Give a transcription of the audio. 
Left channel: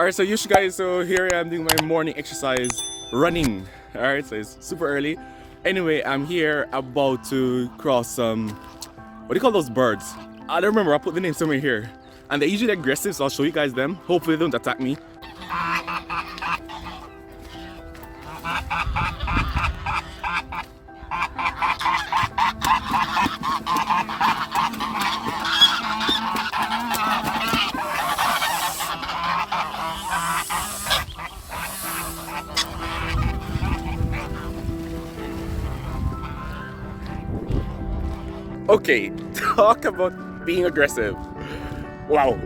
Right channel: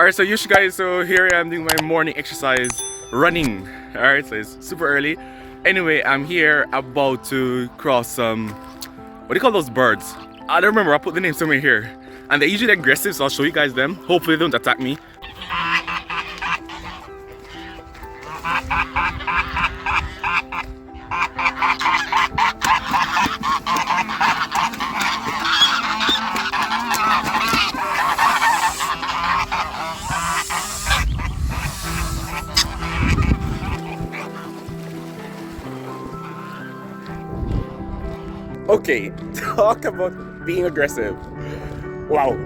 Alright, so usually guys, so here I am doing my morning exercise, running. Alright, so it's super early. Anyway, I'm here about to cross some, what do you call those birds? I don't remember, I'll put the name somewhere here. And they're usually aggressive, so I'll show you guys them. Hopefully they don't attack me. Okay, talk about being aggressive. Wow.